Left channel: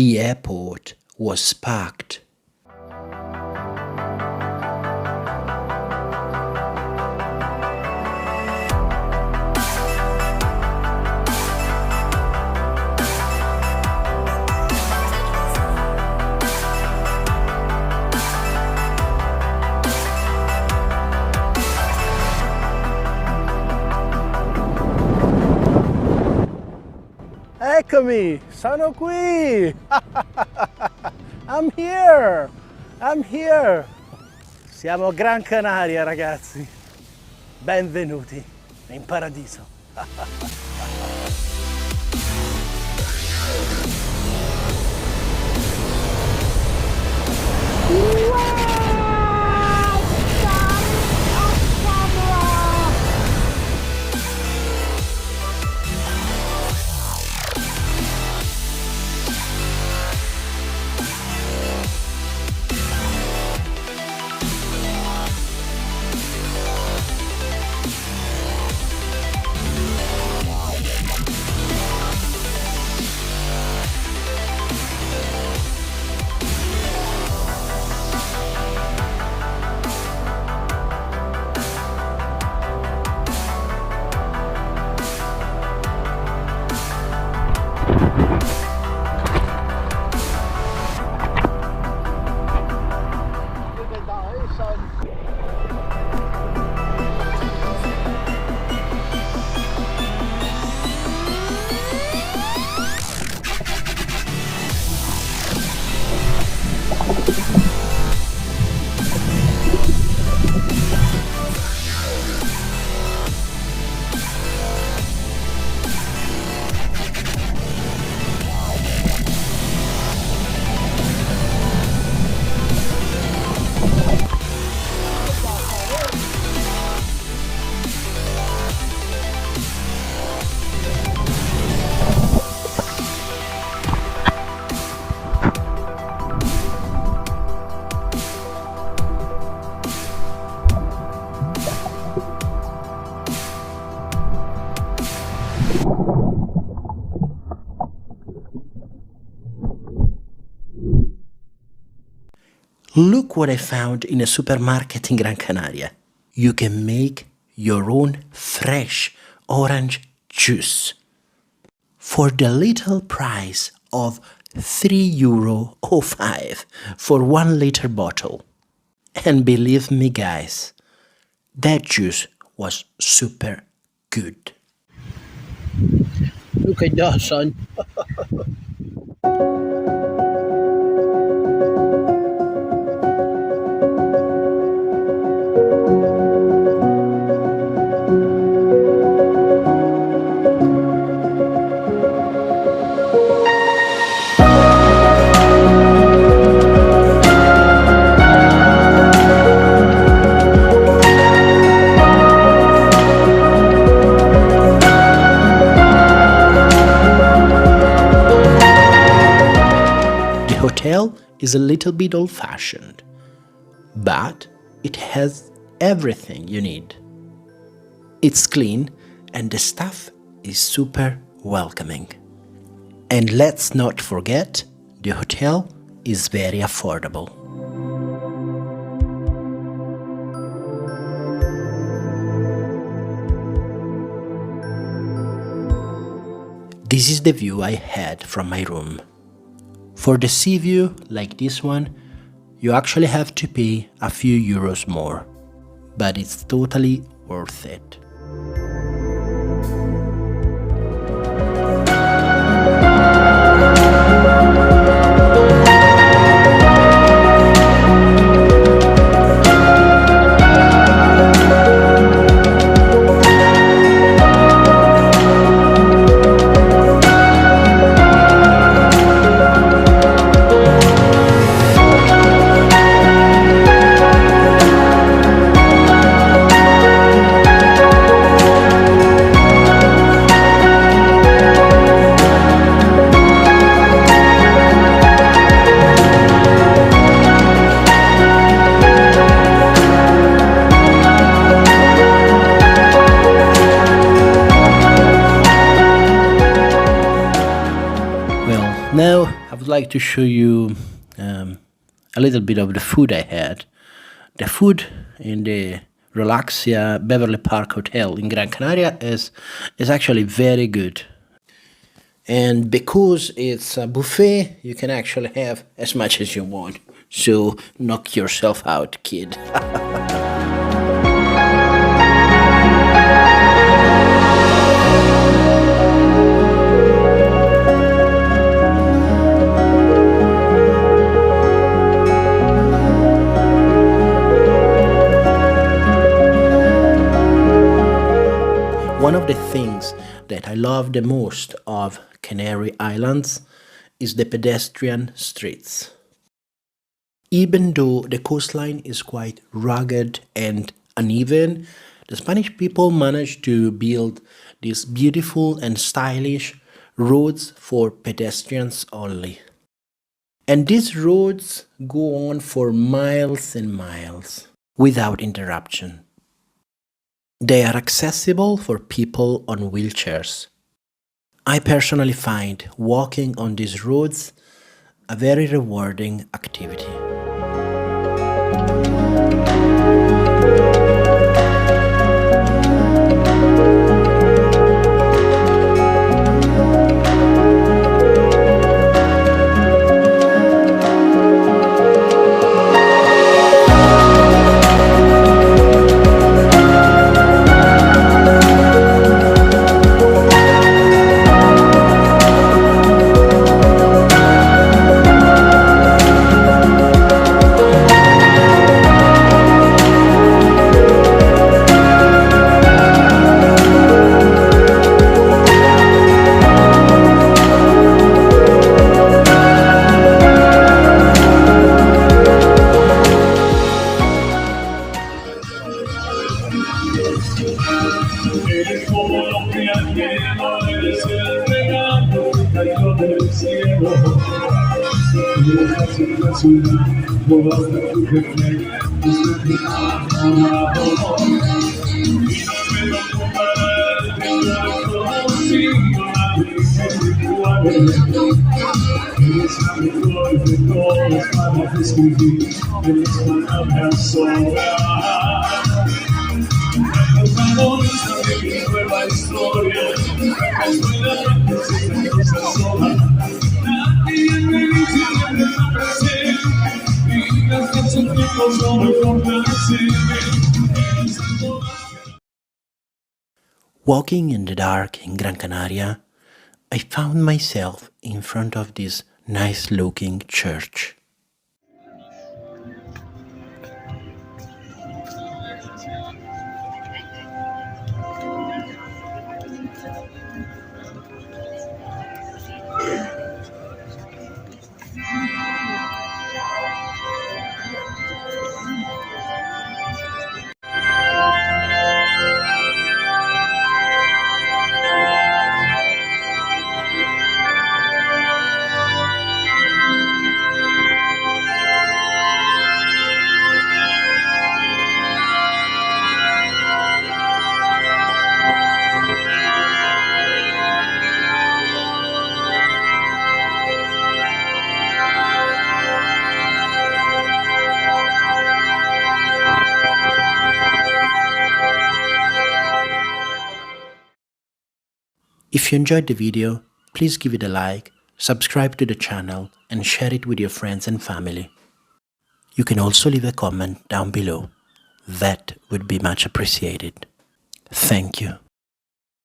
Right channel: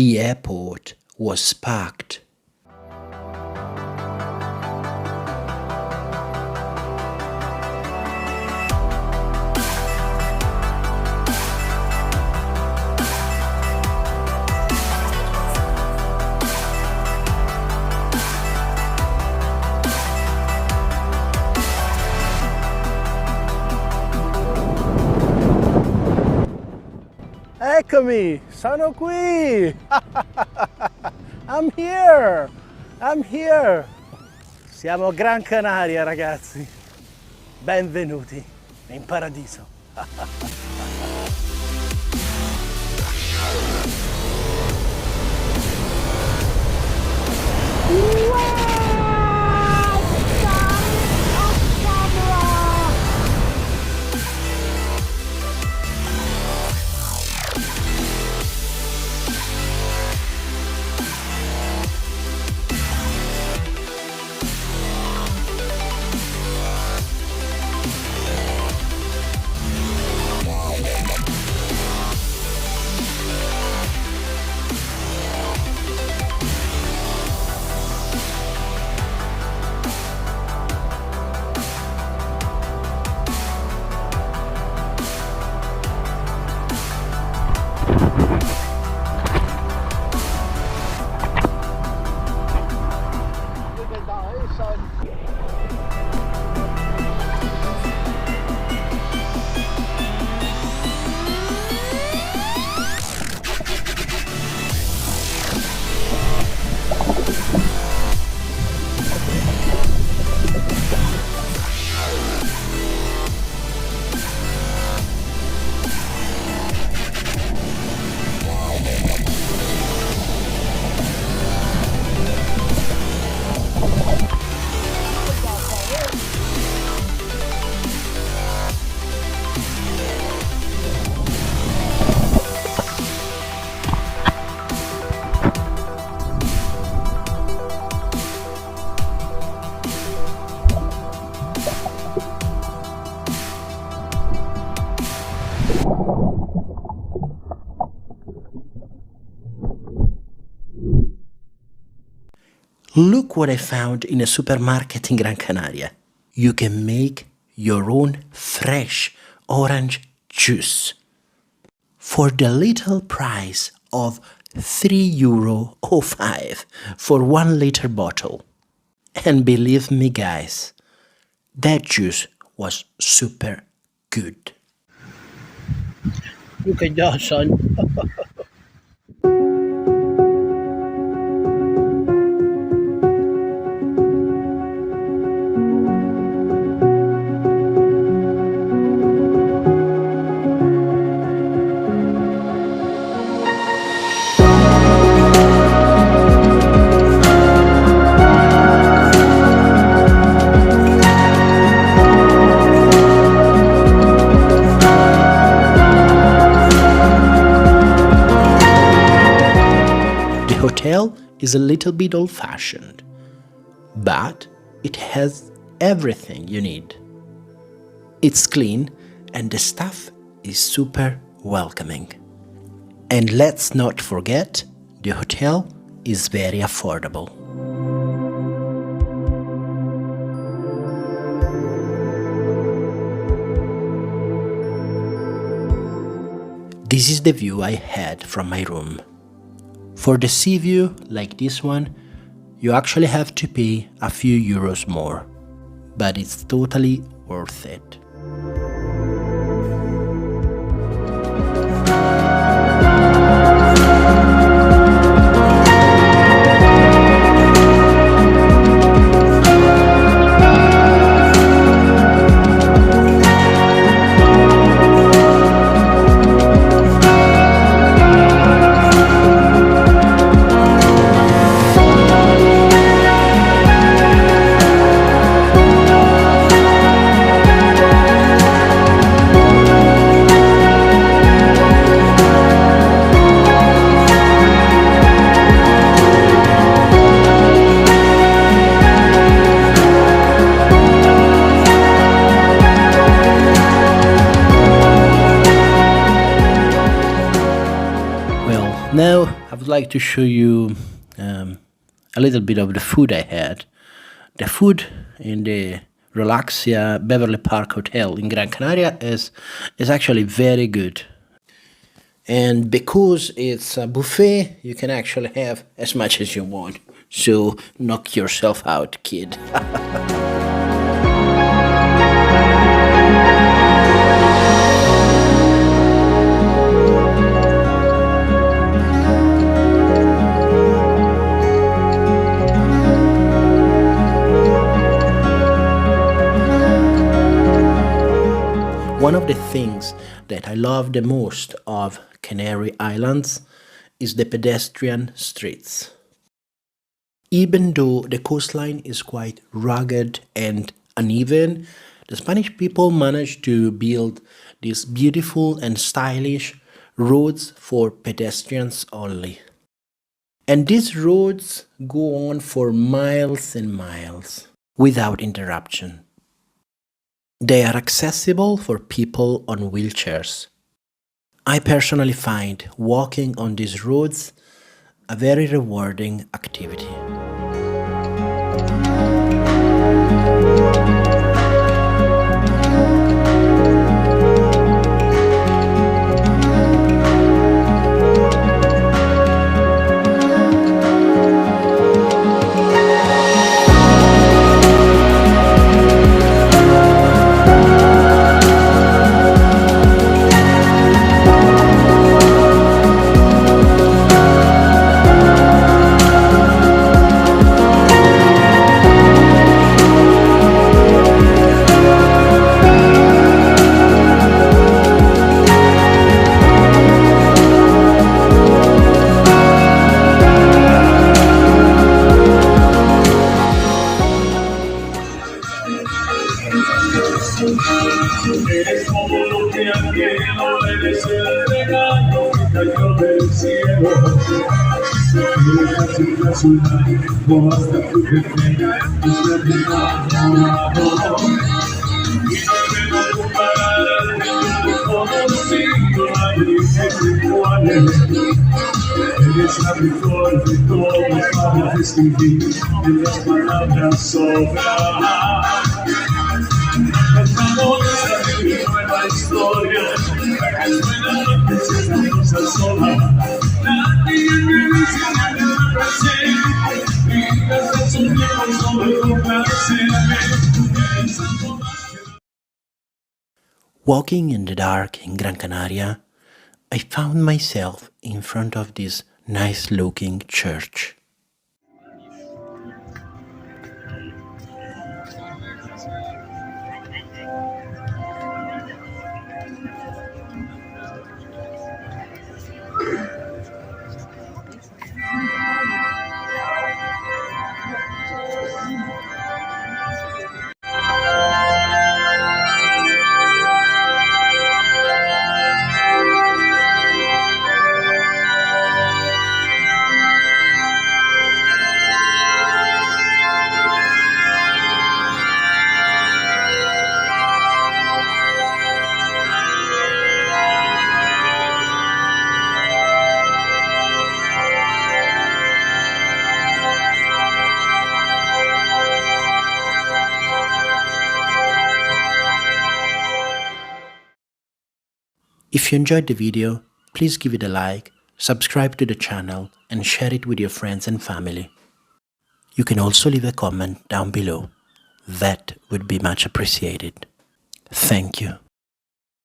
The airport was packed. Eccomi, sono qui! I'm here! Siamo a Gran Canaria, ragazzi. Benvenuti in paradiso. Look what I found in a supermarket in Gran Canaria. You can make your own fresh orange juice for the little price of €3.05 for 1 liter bottle. And believe me guys, that juice was super good. Look at that, son. The hotel is a little bit old-fashioned, but it has everything you need. It's clean and the staff is super welcoming. And let's not forget, the hotel is very affordable. This is the view I had from my room. For the sea view, like this one, you actually have to pay a few euros more, but it's totally worth it. Now I would like to show you a little bit of the food I had. The food in the Relaxia Beverly Park Hotel in Gran Canaria is actually very good. And because it's a buffet, you can actually have as much as you want. So knock yourself out, kid. One of the things that I love the most of Canary Islands is the pedestrian streets. Even though the coastline is quite rugged and uneven, the Spanish people managed to build these beautiful and stylish roads for pedestrians only. And these roads go on for miles and miles without interruption. They are accessible for people on wheelchairs. I personally find walking on these roads a very rewarding activity. Eres como lo que anhelo, eres el regalo que cayó del cielo. Eres la chica azul, como hasta tu jefe, desde mi enamorado. Y no puedo comparar el que yo he conocido, nadie es igual. Eres la mejor de todos para describir, en las palabras sobran. Cantamos esta mi nueva historia, espera la princesa rosa sola. Nadie que dice que me presente, y gastar su tiempo solo complacerme. Walking in the dark in Gran Canaria, I found myself in front of this nice-looking church. If you enjoyed the video, please give it a like, subscribe to the channel, and share it with your friends and family. You can also leave a comment down below. That would be much appreciated. Thank you.